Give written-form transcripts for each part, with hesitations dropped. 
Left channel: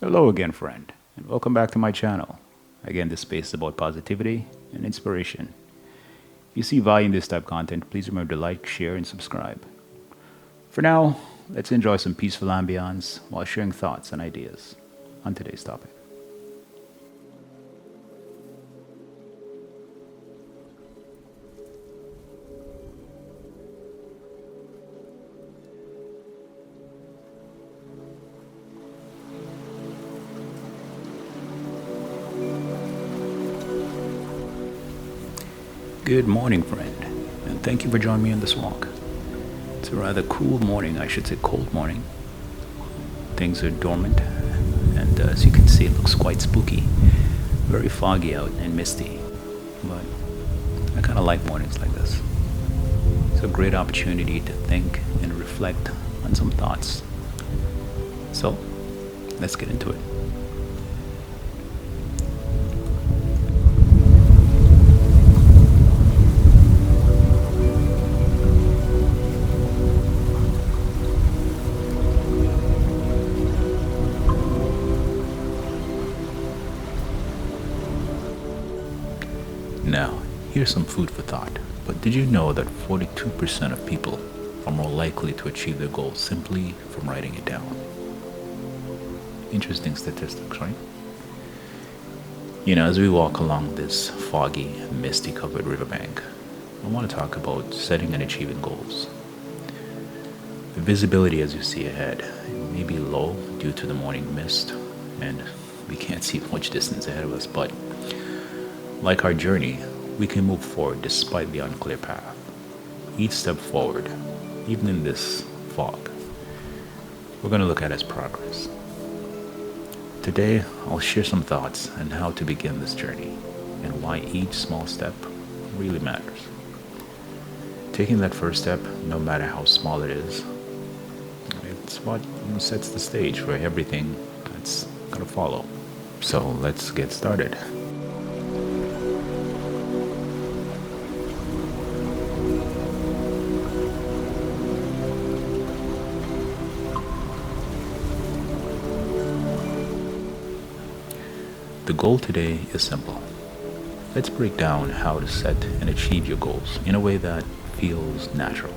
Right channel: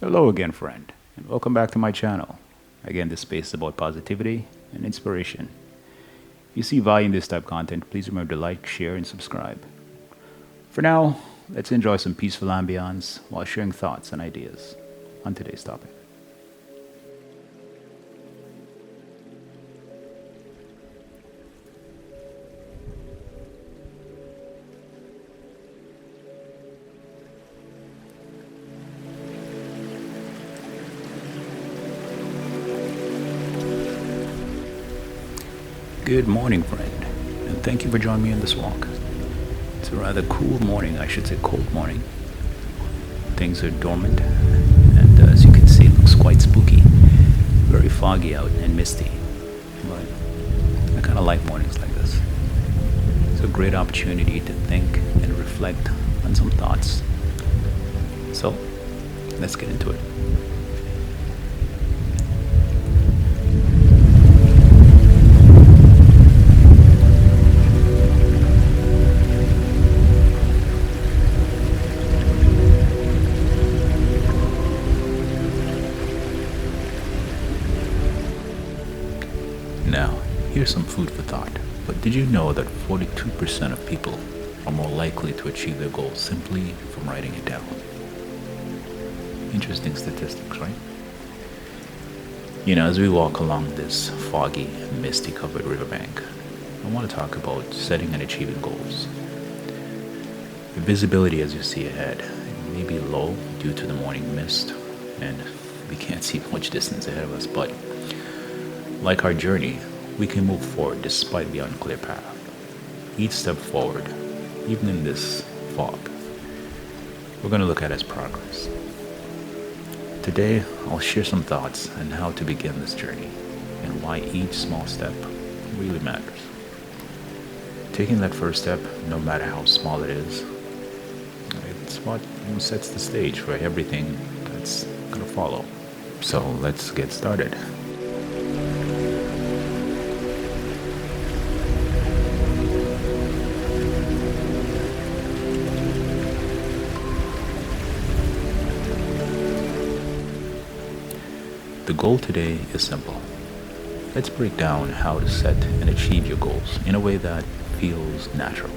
Hello again, friend, and welcome back to my channel. Again, this space is about positivity and inspiration. If you see value in this type of content, please remember to like, share, and subscribe. For now, let's enjoy some peaceful ambience while sharing thoughts and ideas on today's topic. Good morning, friend, and thank you for joining me on this walk. It's a rather cool morning, I should say cold morning. Things are dormant, and as you can see, it looks quite spooky. Very foggy out and misty, but I kind of like mornings like this. It's a great opportunity to think and reflect on some thoughts. So, let's get into it. Now, here's some food for thought. But did you know that 42% of people are more likely to achieve their goals simply from writing it down? Interesting statistics, right? As we walk along this foggy, misty covered riverbank, I want to talk about setting and achieving goals. The visibility as you see ahead may be low due to the morning mist, and we can't see much distance ahead of us, but like our journey, we can move forward despite the unclear path. Each step forward, even in this fog, we're going to look at as progress. Today, I'll share some thoughts on how to begin this journey and why each small step really matters. Taking that first step, no matter how small it is, it's what sets the stage for everything that's going to follow. So let's get started. The goal today is simple. Let's break down how to set and achieve your goals in a way that feels natural.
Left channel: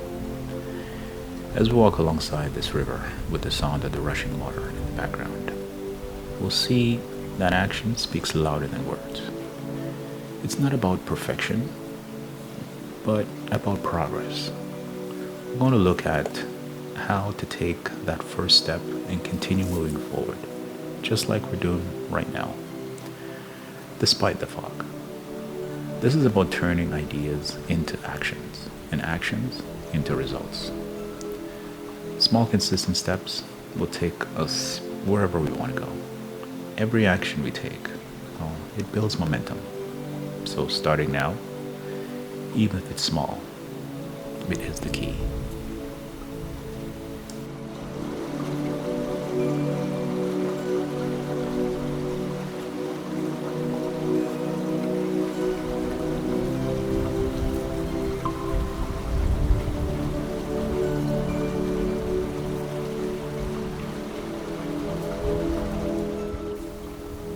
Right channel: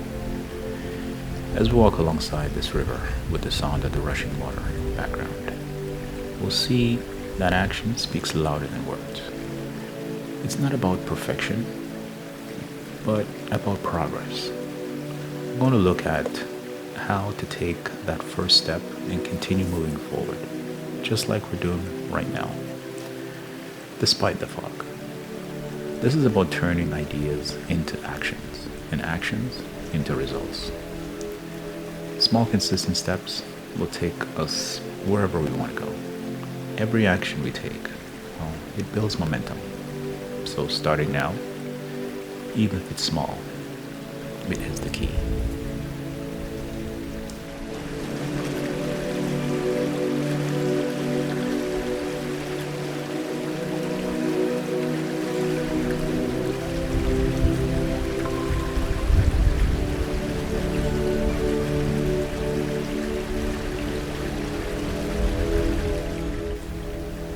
As we walk alongside this river with the sound of the rushing water in the background, we'll see that action speaks louder than words. It's not about perfection, but about progress. We're going to look at how to take that first step and continue moving forward, just like we're doing right now, despite the fog. This is about turning ideas into actions and actions into results. Small, consistent steps will take us wherever we want to go. Every action we take, it builds momentum. So starting now, even if it's small, it is the key.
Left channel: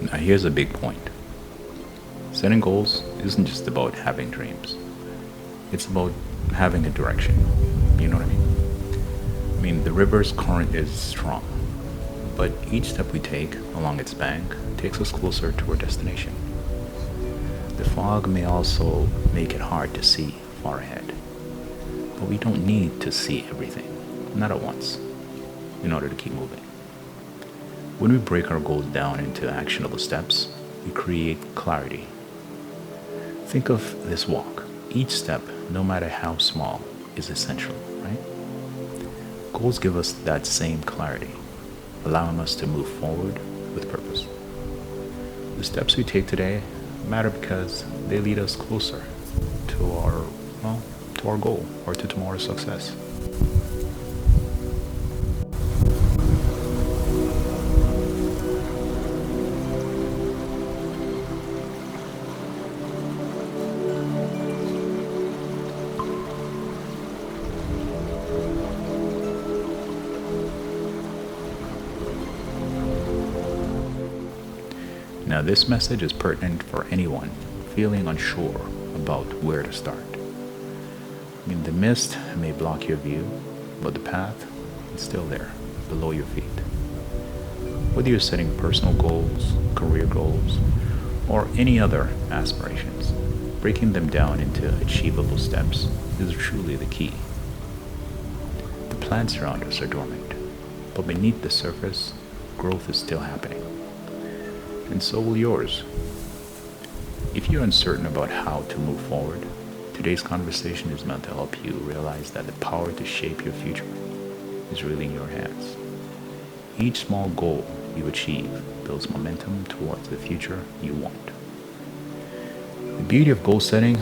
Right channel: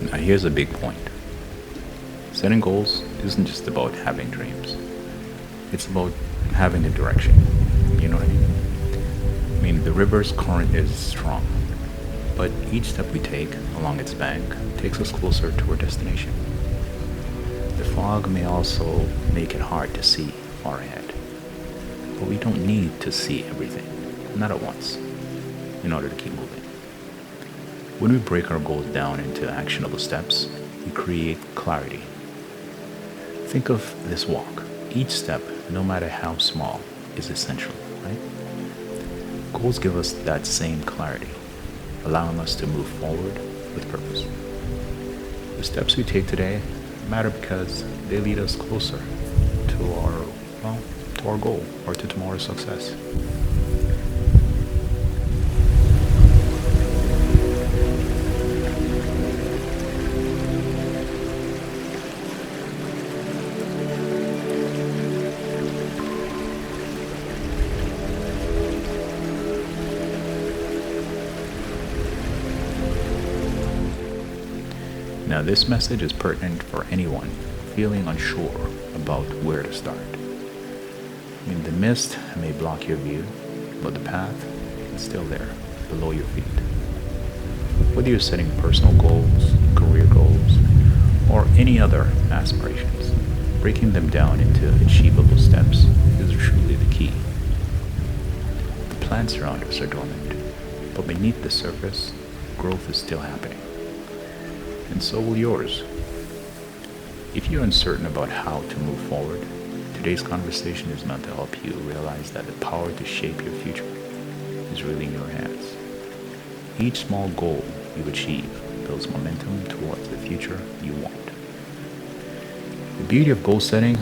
Now here's a big point. Setting goals isn't just about having dreams. It's about having a direction. You know what I mean? The river's current is strong, but each step we take along its bank takes us closer to our destination. The fog may also make it hard to see far ahead, but we don't need to see everything, not at once, in order to keep moving. When we break our goals down into actionable steps, we create clarity. Think of this walk. Each step, no matter how small, is essential, right? Goals give us that same clarity, allowing us to move forward with purpose. The steps we take today matter because they lead us closer to our goal or to tomorrow's success. Now, this message is pertinent for anyone feeling unsure about where to start. The mist may block your view, but the path is still there, below your feet. Whether you're setting personal goals, career goals, or any other aspirations, breaking them down into achievable steps is truly the key. The plants around us are dormant, but beneath the surface, growth is still happening. And so will yours. If you're uncertain about how to move forward, today's conversation is meant to help you realize that the power to shape your future is really in your hands. Each small goal you achieve builds momentum towards the future you want. The beauty of goal setting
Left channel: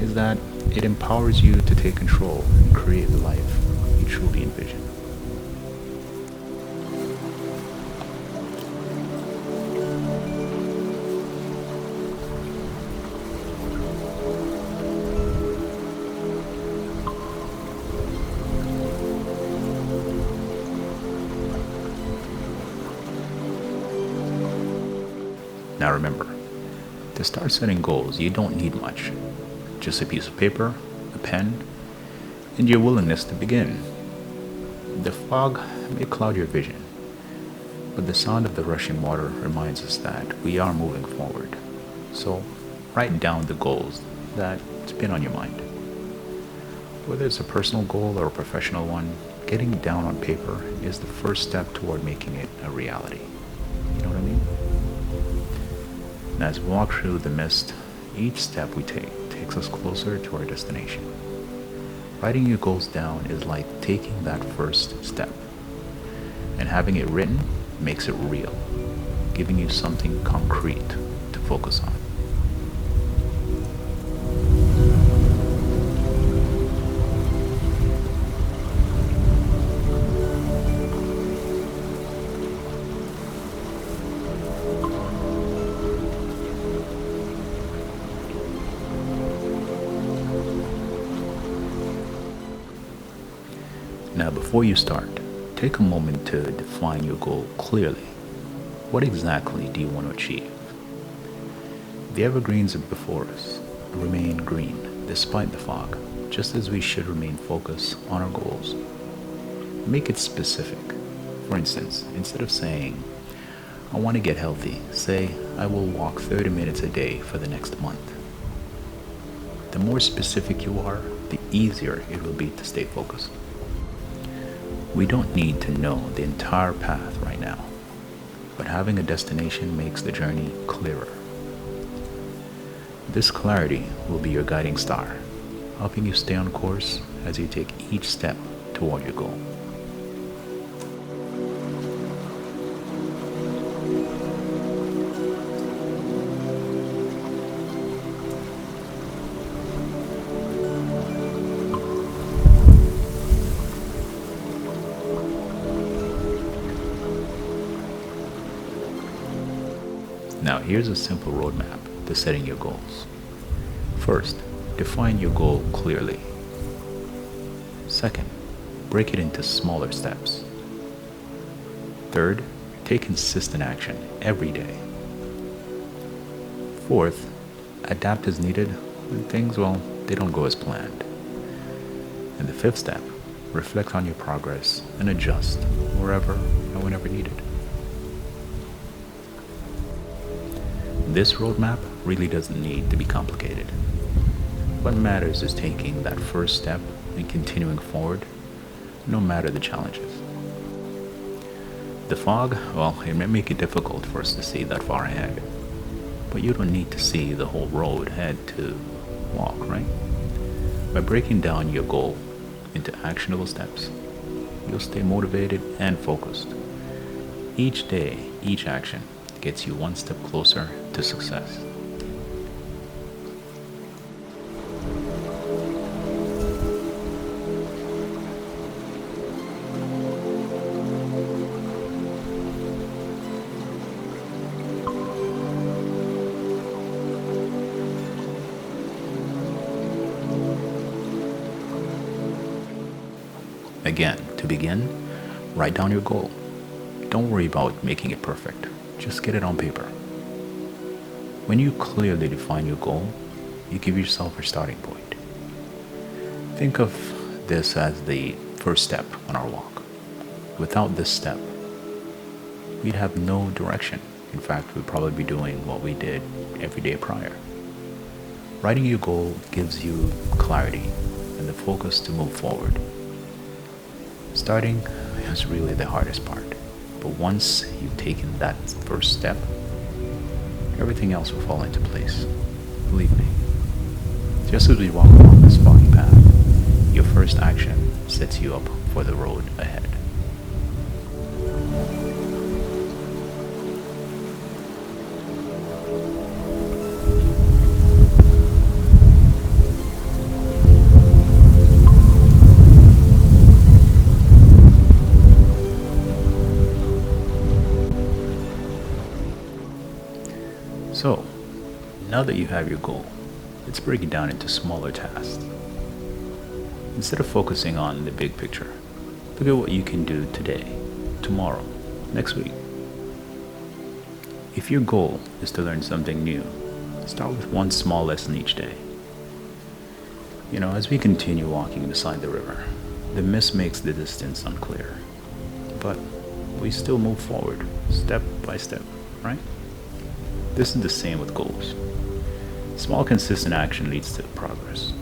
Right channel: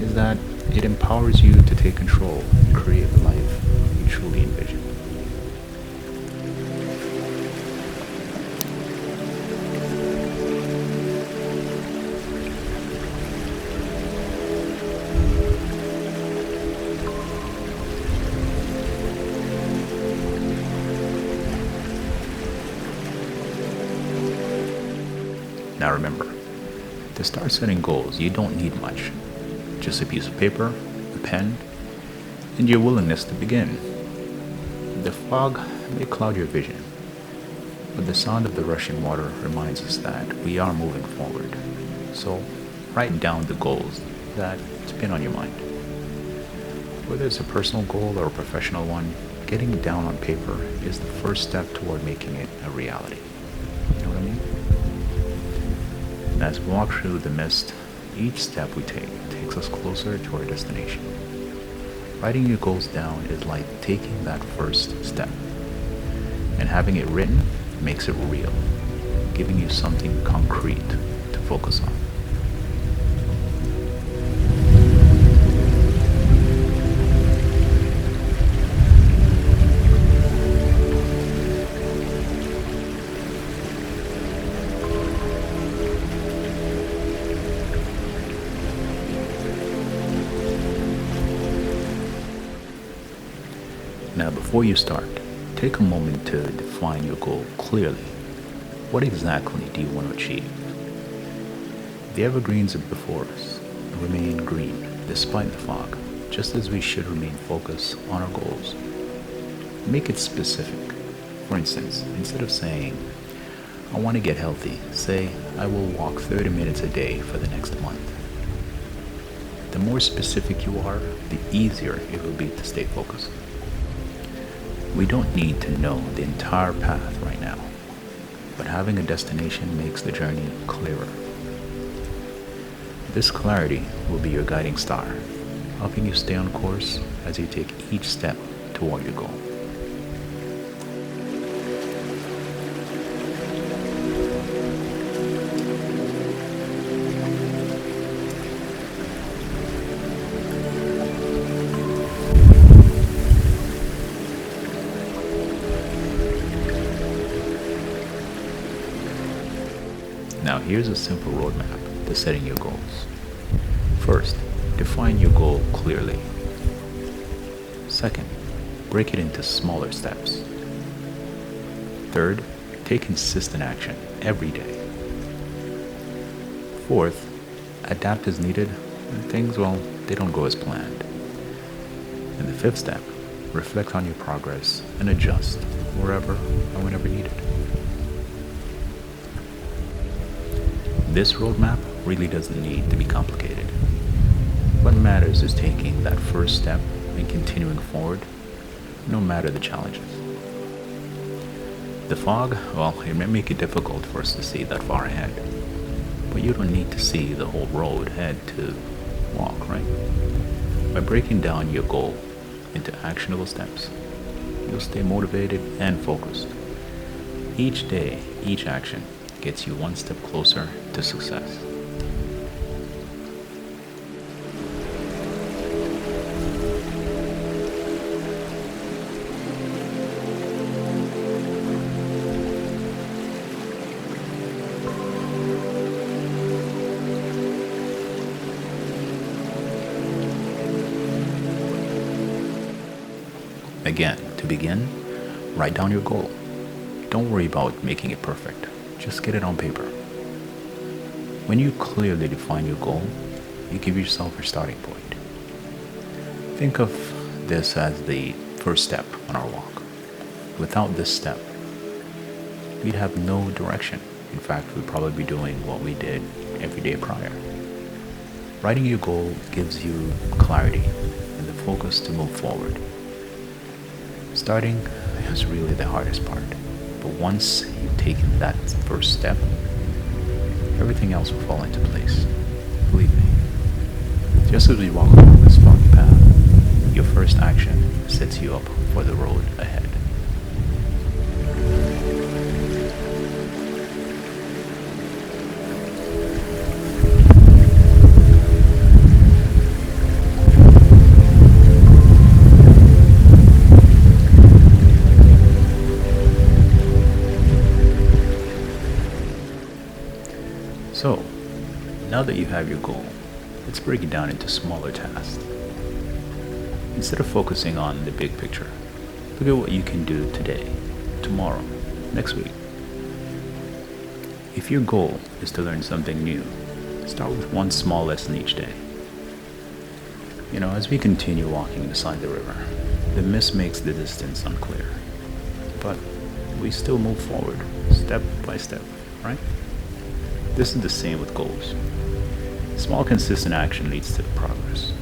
is that it empowers you to take control and create the life you truly envision. Now remember, to start setting goals, you don't need much. Just a piece of paper, a pen, and your willingness to begin. The fog may cloud your vision, but the sound of the rushing water reminds us that we are moving forward. So, write down the goals that spin on your mind. Whether it's a personal goal or a professional one, getting it down on paper is the first step toward making it a reality. You know what I mean? And as we walk through the mist, each step we take takes us closer to our destination. Writing your goals down is like taking that first step. And having it written makes it real, giving you something concrete to focus on. Now, before you start, take a moment to define your goal clearly. What exactly do you want to achieve? The evergreens before us remain green despite the fog, just as we should remain focused on our goals. Make it specific. For instance, instead of saying, I want to get healthy, say, I will walk 30 minutes a day for the next month. The more specific you are, the easier it will be to stay focused. We don't need to know the entire path right now, but having a destination makes the journey clearer. This clarity will be your guiding star, helping you stay on course as you take each step toward your goal. Now here's a simple roadmap to setting your goals. First, define your goal clearly. Second, break it into smaller steps. Third, take consistent action every day. Fourth, adapt as needed when things, they don't go as planned. And the fifth step, reflect on your progress and adjust wherever and whenever needed. This roadmap really doesn't need to be complicated. What matters is taking that first step and continuing forward, no matter the challenges. The fog, it may make it difficult for us to see that far ahead, but you don't need to see the whole road ahead to walk, right? By breaking down your goal into actionable steps, you'll stay motivated and focused. Each day, each action gets you one step closer to success. Again, to begin, write down your goal. Don't worry about making it perfect. Just get it on paper. When you clearly define your goal, you give yourself a starting point. Think of this as the first step on our walk. Without this step, we'd have no direction. In fact, we'd probably be doing what we did every day prior. Writing your goal gives you clarity and the focus to move forward. Starting is really the hardest part, but once you've taken that first step, everything else will fall into place. Believe me. Just as we walk along this foggy path, your first action sets you up for the road ahead. So, now that you have your goal, let's break it down into smaller tasks. Instead of focusing on the big picture, look at what you can do today, tomorrow, next week. If your goal is to learn something new, start with one small lesson each day. As we continue walking beside the river, the mist makes the distance unclear. But we still move forward, step by step, right? This is the same with goals. Small, consistent action leads to progress.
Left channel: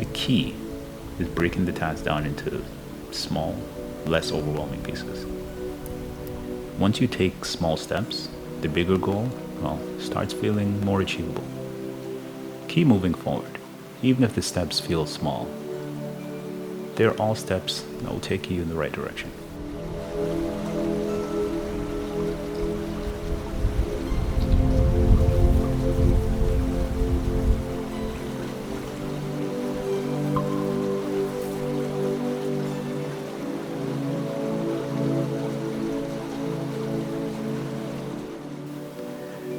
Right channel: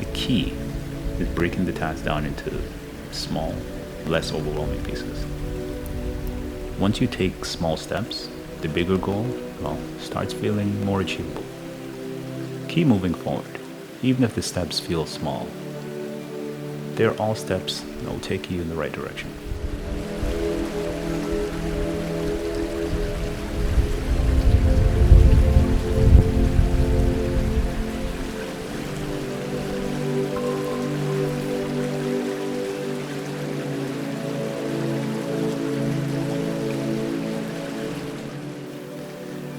The key is breaking the task down into small, less overwhelming pieces. Once you take small steps, the bigger goal, starts feeling more achievable. Keep moving forward, even if the steps feel small. They're all steps that will take you in the right direction.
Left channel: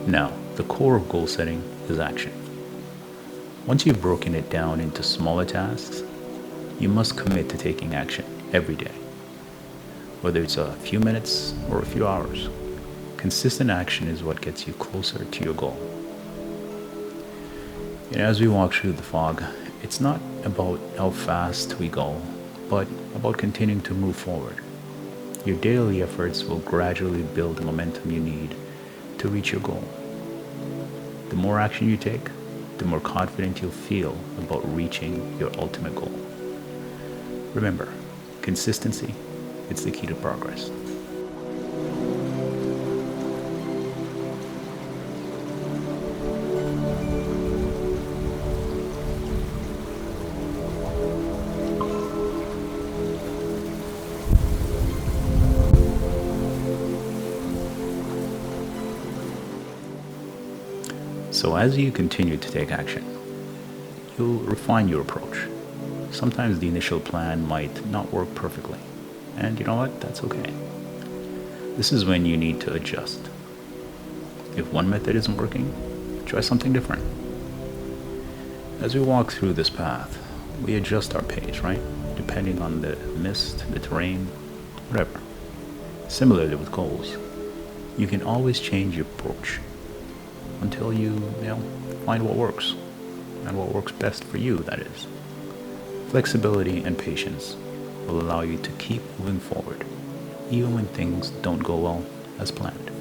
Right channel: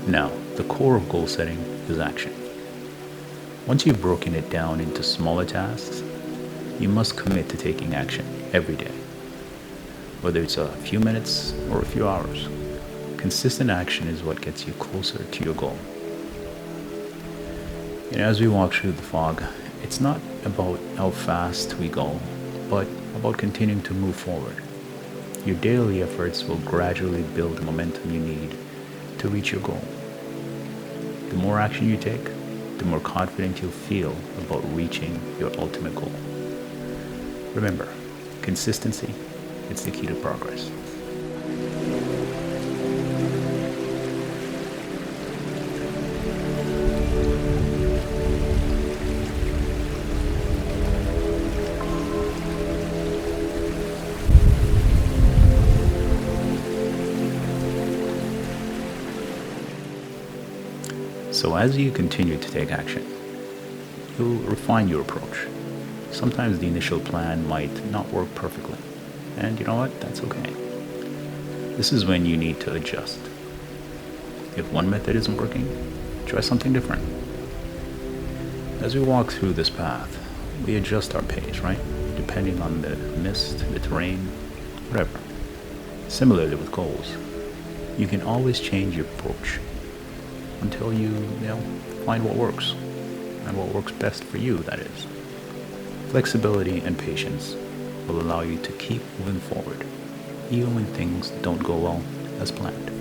Now, the core of goal setting is action. Once you've broken it down into smaller tasks, you must commit to taking action every day. Whether it's a few minutes or a few hours, consistent action is what gets you closer to your goal. As we walk through the fog, it's not about how fast we go, but about continuing to move forward. Your daily efforts will gradually build the momentum you need to reach your goal. The more action you take, the more confident you'll feel about reaching your ultimate goal. Remember, consistency is the key to progress. So as you continue to take action, you'll refine your approach. Sometimes the initial plan might not work perfectly. And you know what? That's okay. This is when you need to adjust. If one method isn't working, try something different. As we walk through this path, we adjust our pace, right? Depending on the mist, the terrain, whatever. Similarly with goals, you can always change your approach until you find what works, and what works best for you, that is. Flexibility and patience will allow you to keep moving forward, even when things don't go well as planned.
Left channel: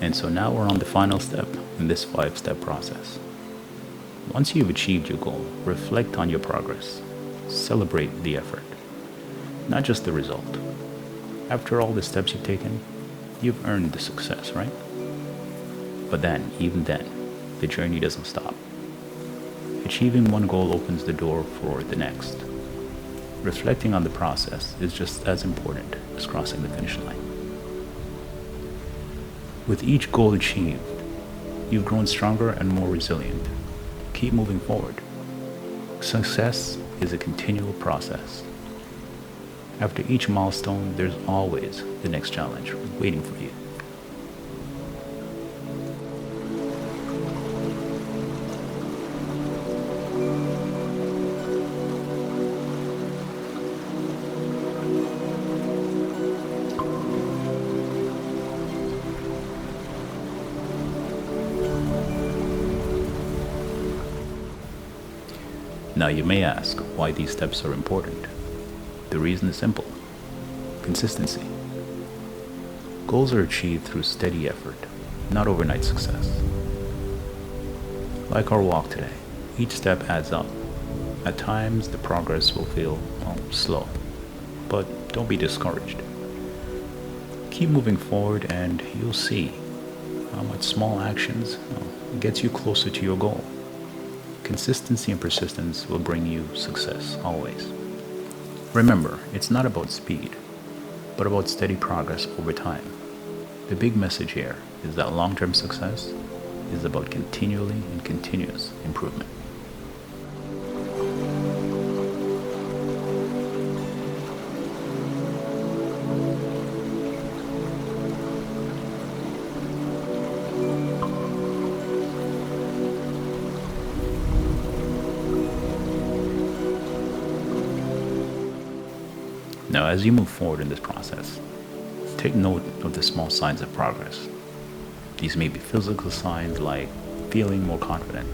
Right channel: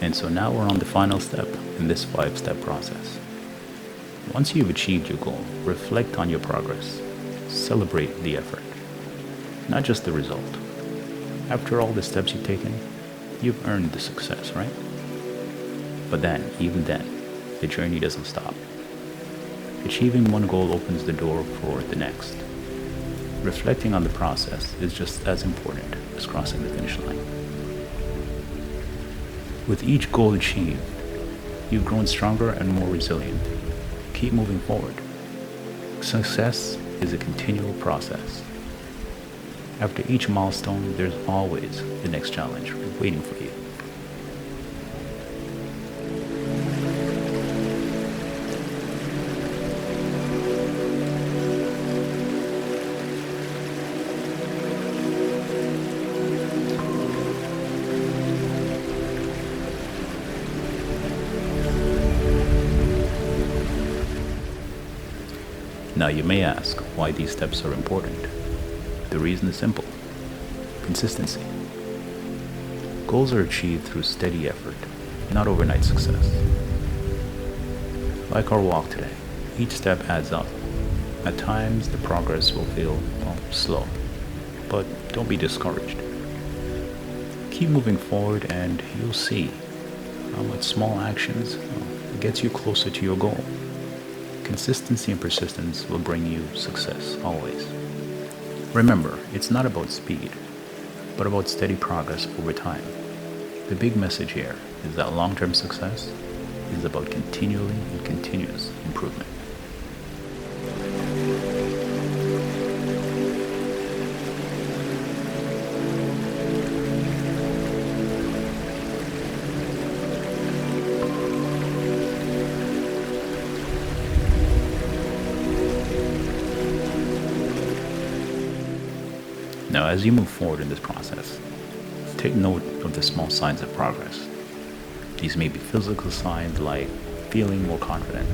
And so now we're on the final step in this 5-step process. Once you've achieved your goal, reflect on your progress. Celebrate the effort, not just the result. After all the steps you've taken, you've earned the success, right? But then, even then, the journey doesn't stop. Achieving one goal opens the door for the next. Reflecting on the process is just as important as crossing the finish line. With each goal achieved, you've grown stronger and more resilient. Keep moving forward. Success is a continual process. After each milestone, there's always the next challenge waiting for you. Now you may ask why these steps are important. The reason is simple: consistency. Goals are achieved through steady effort, not overnight success. Like our walk today, each step adds up. At times, the progress will feel, slow, but don't be discouraged. Keep moving forward and you'll see how much small actions gets you closer to your goal. Consistency and persistence will bring you success, always. Remember, it's not about speed, but about steady progress over time. The big message here is that long-term success is about continually and continuous improvement. Now, as you move forward in this process, take note of the small signs of progress. These may be physical signs like feeling more confident,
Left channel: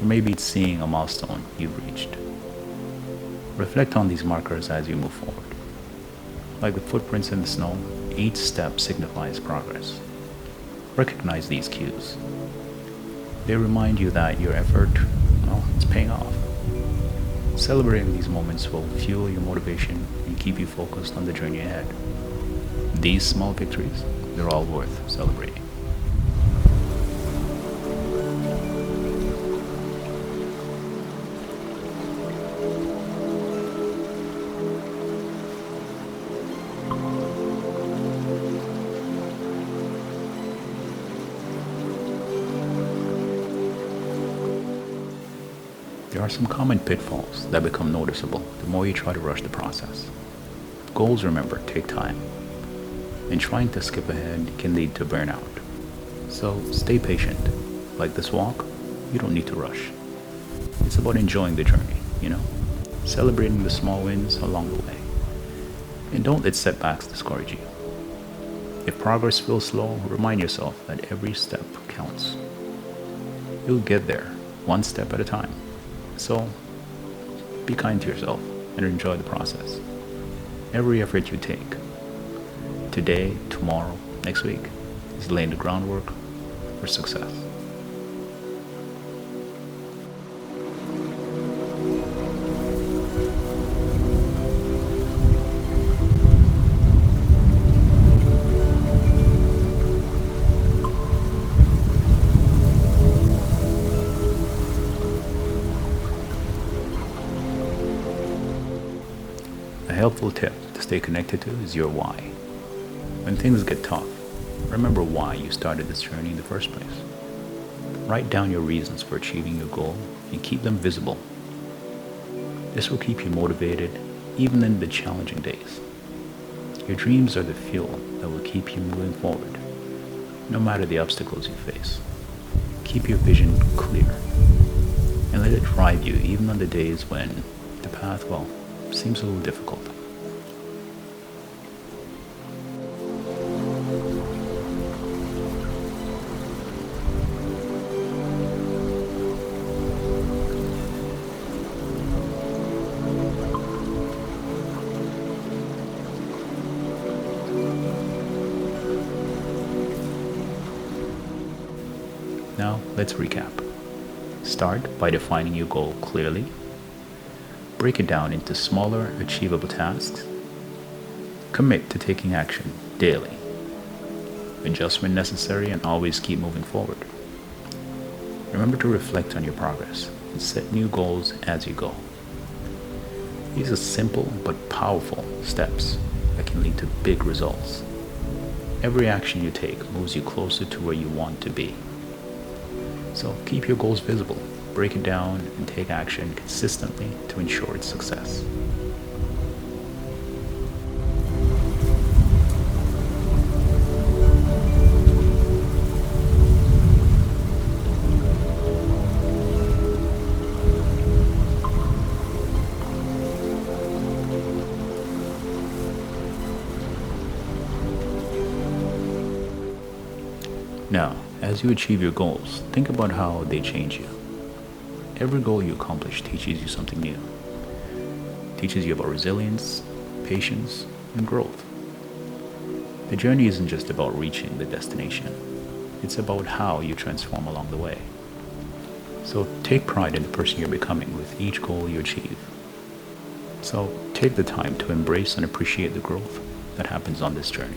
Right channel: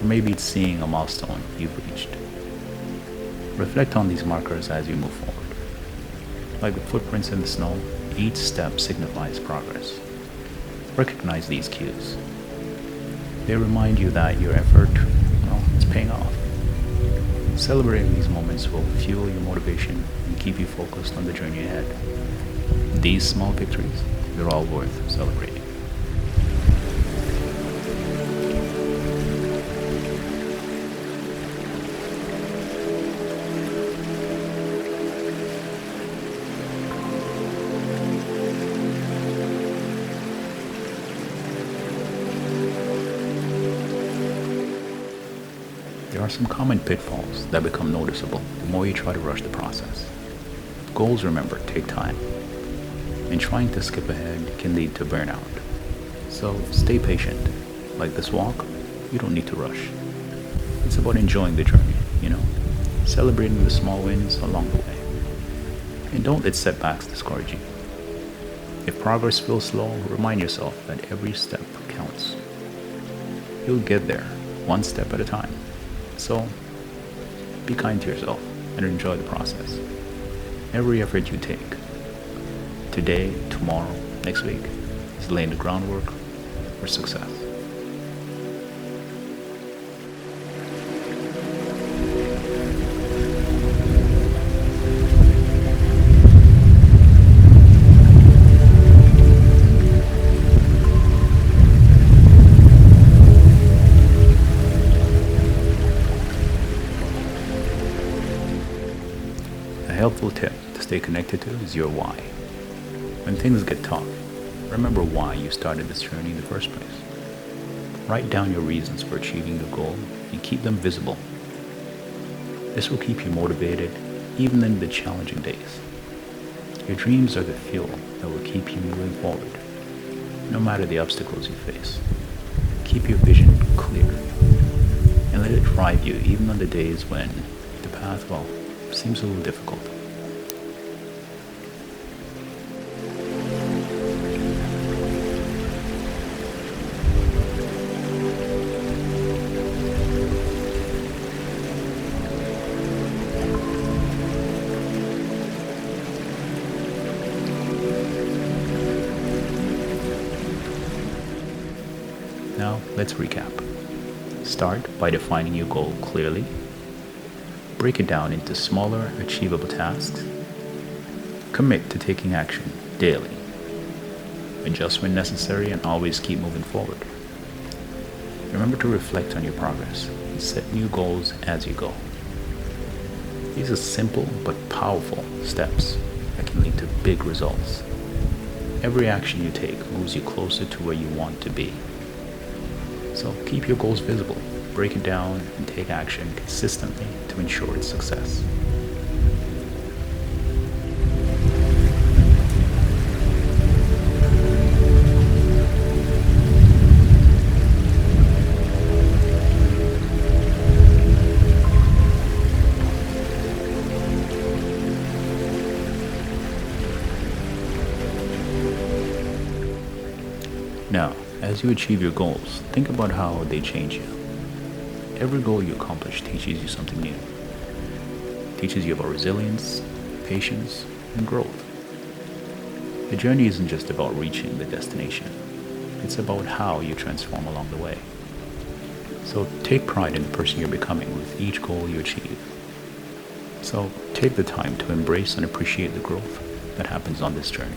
or maybe it's seeing a milestone you've reached. Reflect on these markers as you move forward. Like the footprints in the snow, each step signifies progress. Recognize these cues. They remind you that your effort, is paying off. Celebrating these moments will fuel your motivation and keep you focused on the journey ahead. These small victories, they're all worth celebrating. There are some common pitfalls that become noticeable the more you try to rush the process. Goals, remember, take time, and trying to skip ahead can lead to burnout. So stay patient. Like this walk, you don't need to rush. It's about enjoying the journey, celebrating the small wins along the way. And don't let setbacks discourage you. If progress feels slow, remind yourself that every step counts. You'll get there, one step at a time. So, be kind to yourself and enjoy the process. Every effort you take, today, tomorrow, next week, is laying the groundwork for success. A helpful tip to stay connected to is your why. When things get tough, remember why you started this journey in the first place. Write down your reasons for achieving your goal and keep them visible. This will keep you motivated even in the challenging days. Your dreams are the fuel that will keep you moving forward, no matter the obstacles you face. Keep your vision clear and let it drive you even on the days when the path, seems a little difficult. Now, let's recap. Start by defining your goal clearly. Break it down into smaller, achievable tasks. Commit to taking action daily. Adjust when necessary and always keep moving forward. Remember to reflect on your progress and set new goals as you go. These are simple but powerful steps that can lead to big results. Every action you take moves you closer to where you want to be. So keep your goals visible, break it down, and take action consistently to ensure its success. Now, as you achieve your goals, think about how they change you. Every goal you accomplish teaches you something new. Teaches you about resilience, patience, and growth. The journey isn't just about reaching the destination. It's about how you transform along the way. So take pride in the person you're becoming with each goal you achieve. So take the time to embrace and appreciate the growth that happens on this journey.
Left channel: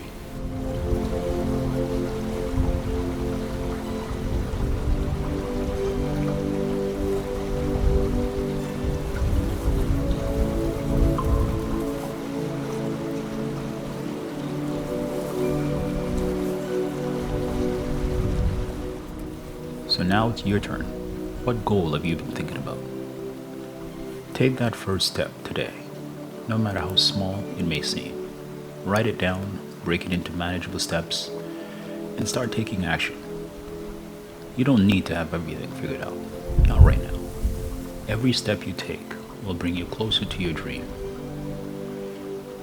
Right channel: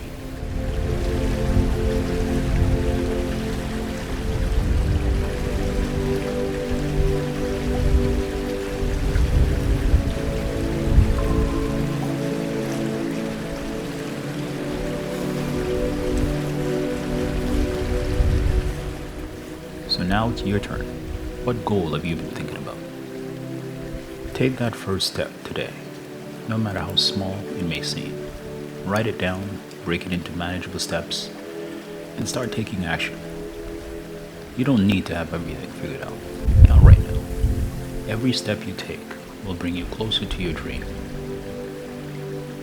So now it's your turn. What goal have you been thinking about? Take that first step today, no matter how small it may seem. Write it down, break it into manageable steps, and start taking action. You don't need to have everything figured out, not right now. Every step you take will bring you closer to your dream.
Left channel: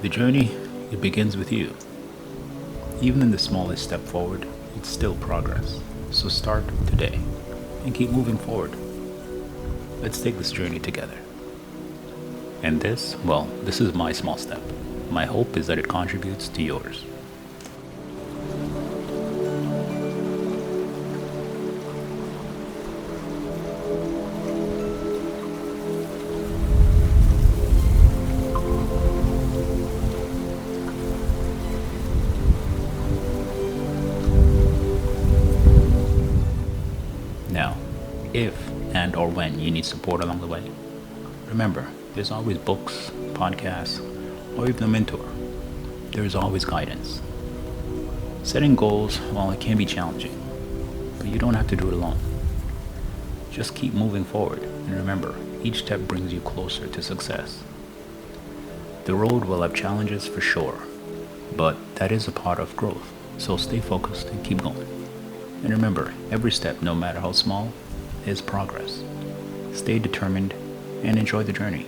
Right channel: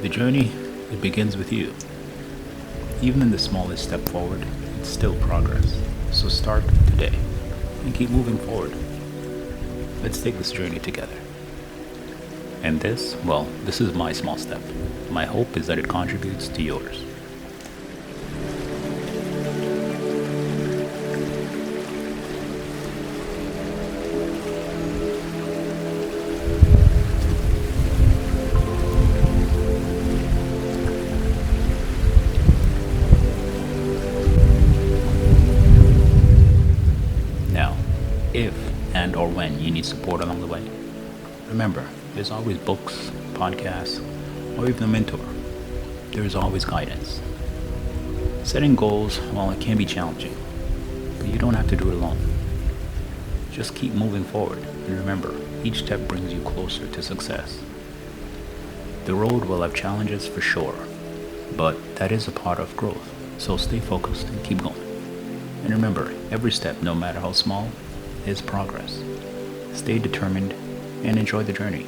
The journey, it begins with you. Even in the smallest step forward, it's still progress. So start today and keep moving forward. Let's take this journey together. And this is my small step. My hope is that it contributes to yours. Now, if and or when you need support along the way, remember, there's always books, podcasts, or even a mentor. There's always guidance. Setting goals, it can be challenging, but you don't have to do it alone. Just keep moving forward, and remember, each step brings you closer to success. The road will have challenges for sure, but that is a part of growth, so stay focused and keep going. And remember, every step, no matter how small, is progress. Stay determined and enjoy the journey.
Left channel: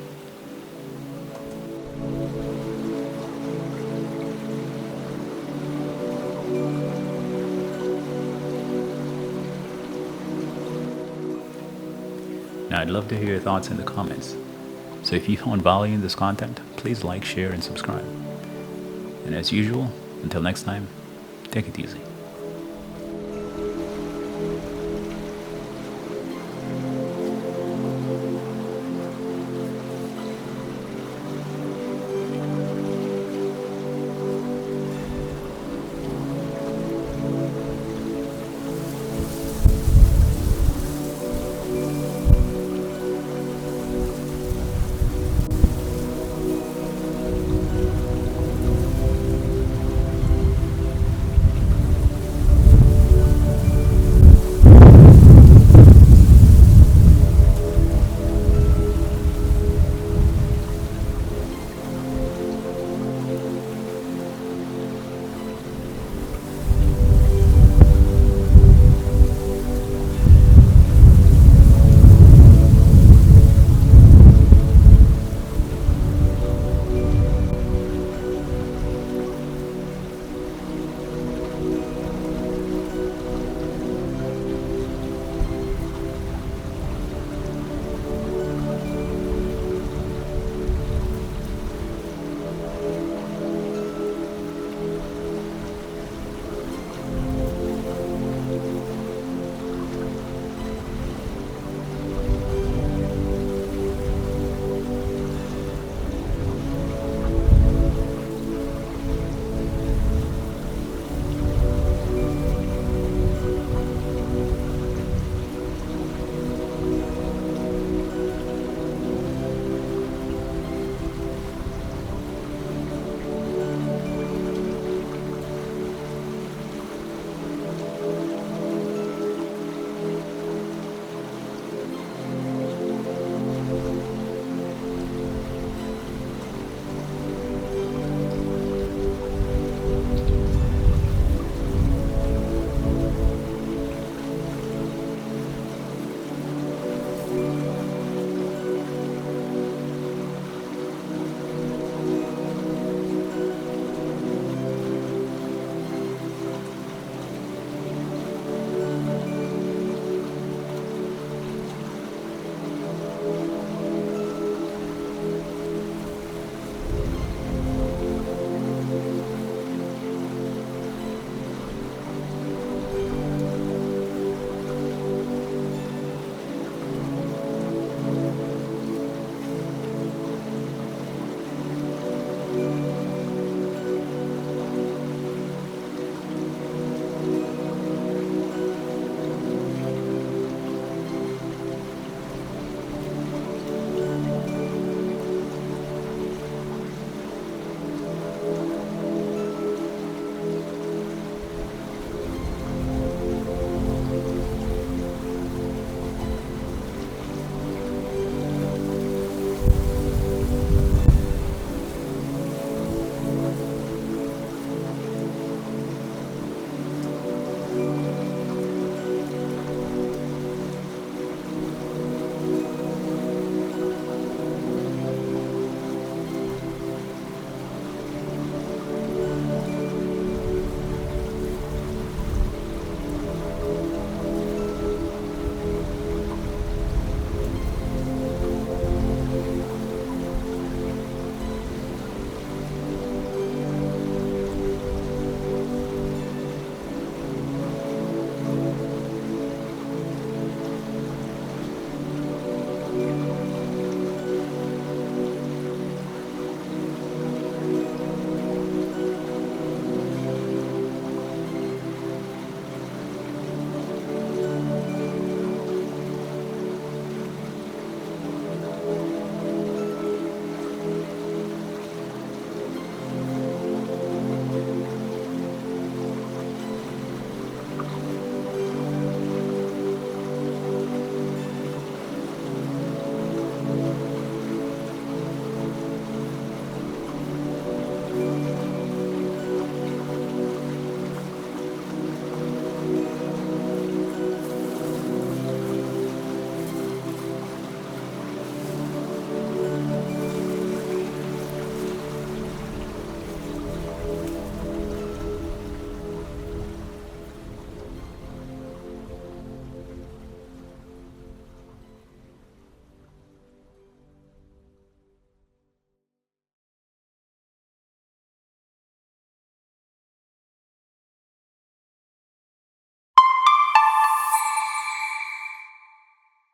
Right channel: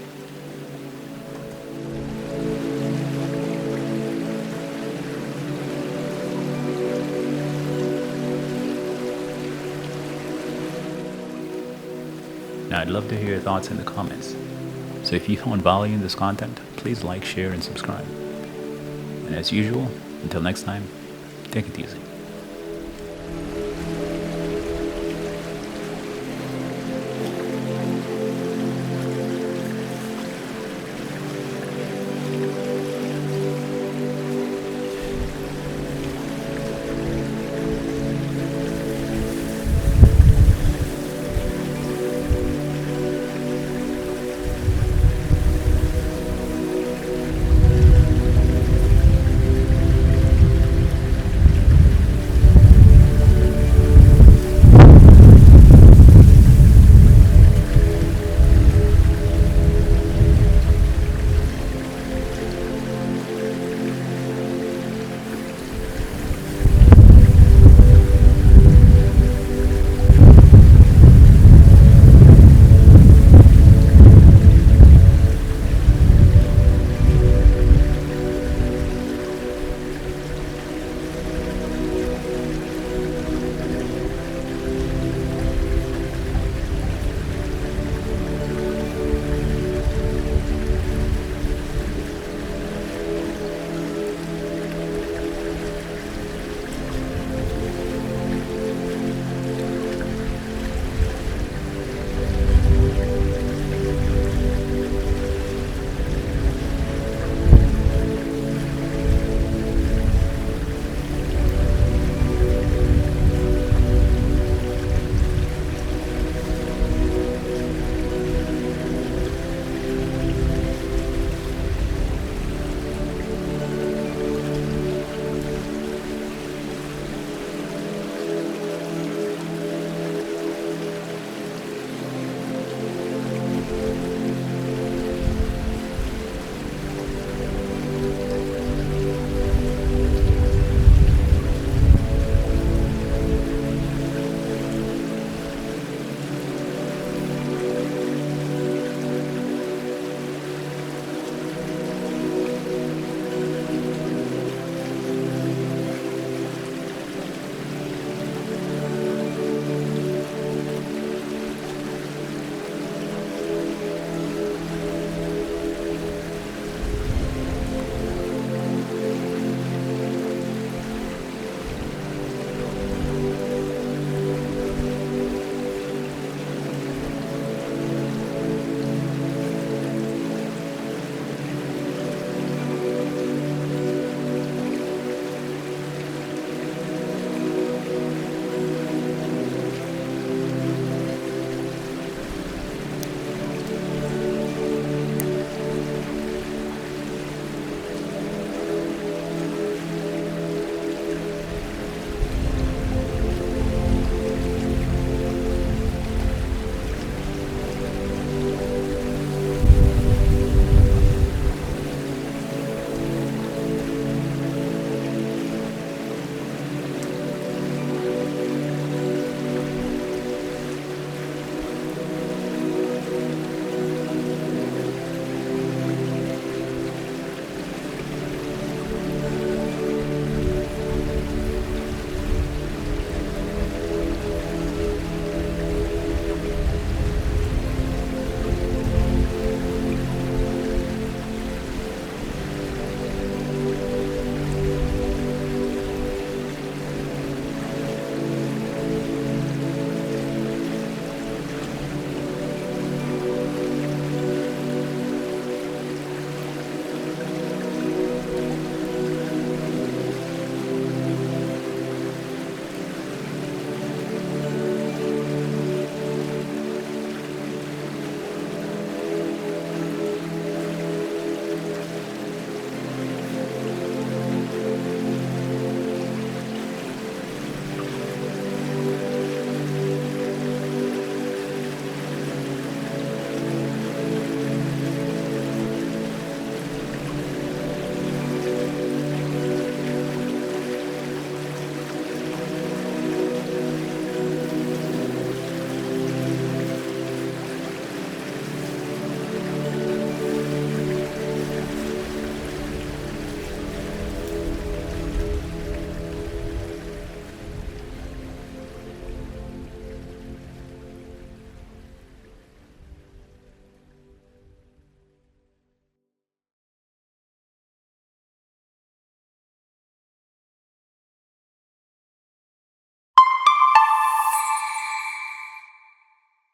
Now, I'd love to hear your thoughts in the comments. So if you found value in this content, please like, share, and subscribe. And as usual, until next time, take it easy.